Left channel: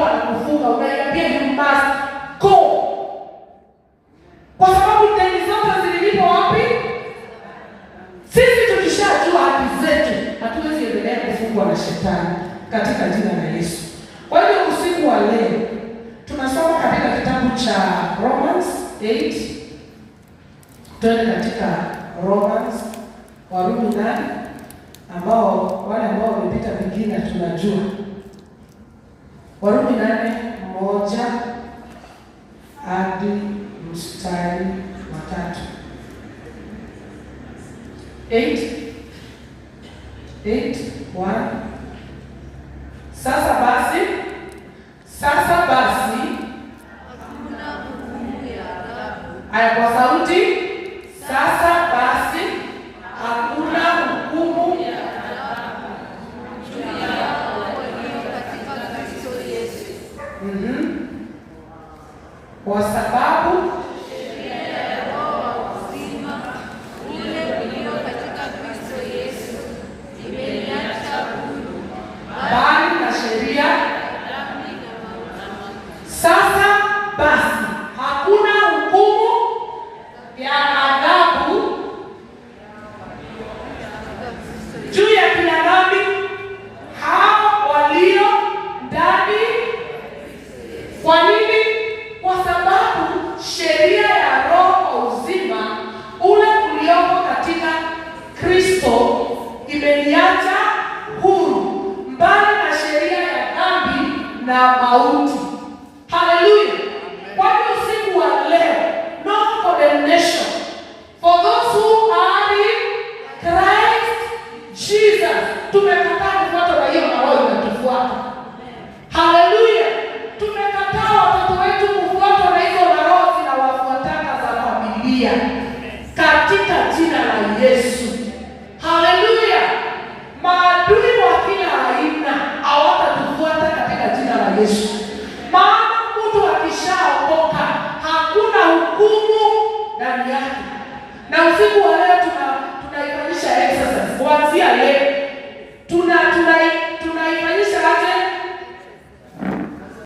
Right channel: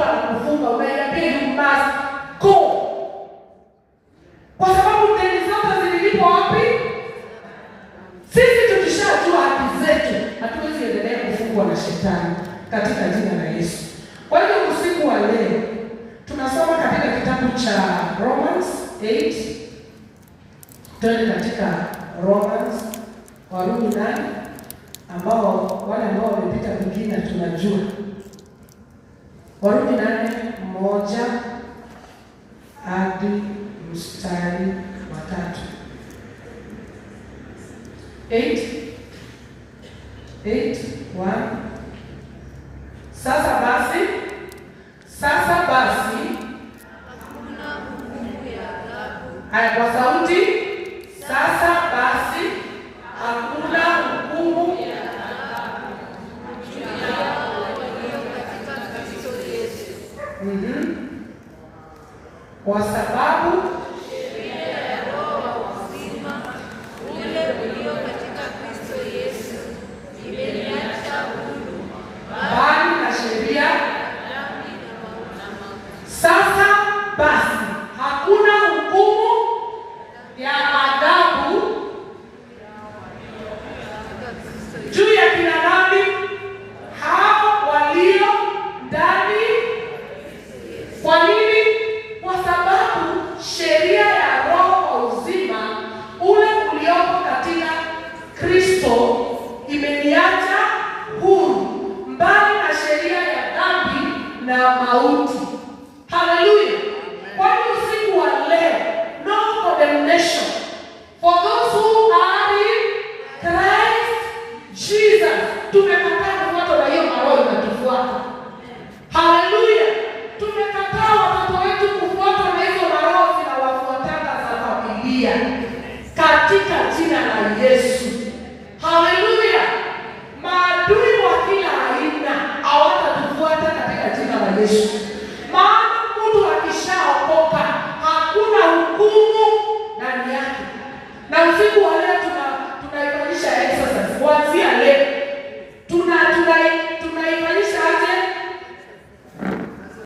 wanakufunga, unaiambia you must go. Kwa sababu deni zote zililipo wapi? Sisi tukishajua haki zetu, hatuwezi endelea kufungwa na shetani katika jina la Yesu. Kwa hiyo usiku wa leo tunasoma katika kitabu cha Romans 8. Tuende katika Romans, Warumi 8, ambao wale ambao wamepita vingine tunajua. Warumi 8:1 hadi mstari wa 3. 8:1. Sasa basi hakuna hukumu ya adhabu. Aya, kwa sauti. Sasa basi hakuna hukumu ya adhabu juu yao walio katika Kristo Yesu. Kwa sababu sheria ya Roho wa uzima ule ulio katika Kristo Yesu imeniacha huru bali na sheria dhambi na mauti. Sasa basi hakuna hukumu ya adhabu juu ya kila dhambi hao walio ndani. Kwa nini? Kwa sababu sheria ya Roho wa uzima ule uliopo katika Kristo imeniacha huru mbali na sheria ya dhambi na mauti. Hallelujah. Kwa hiyo usiku wa leo, no condemnation for those who are in Christ Jesus. Tumekataa kufuata na hiyo na roho inatufuata. Hallelujah. Tumekataa watoto wetu kufuata na hizo na roho zinawafuatana za familia katika jina la Yesu.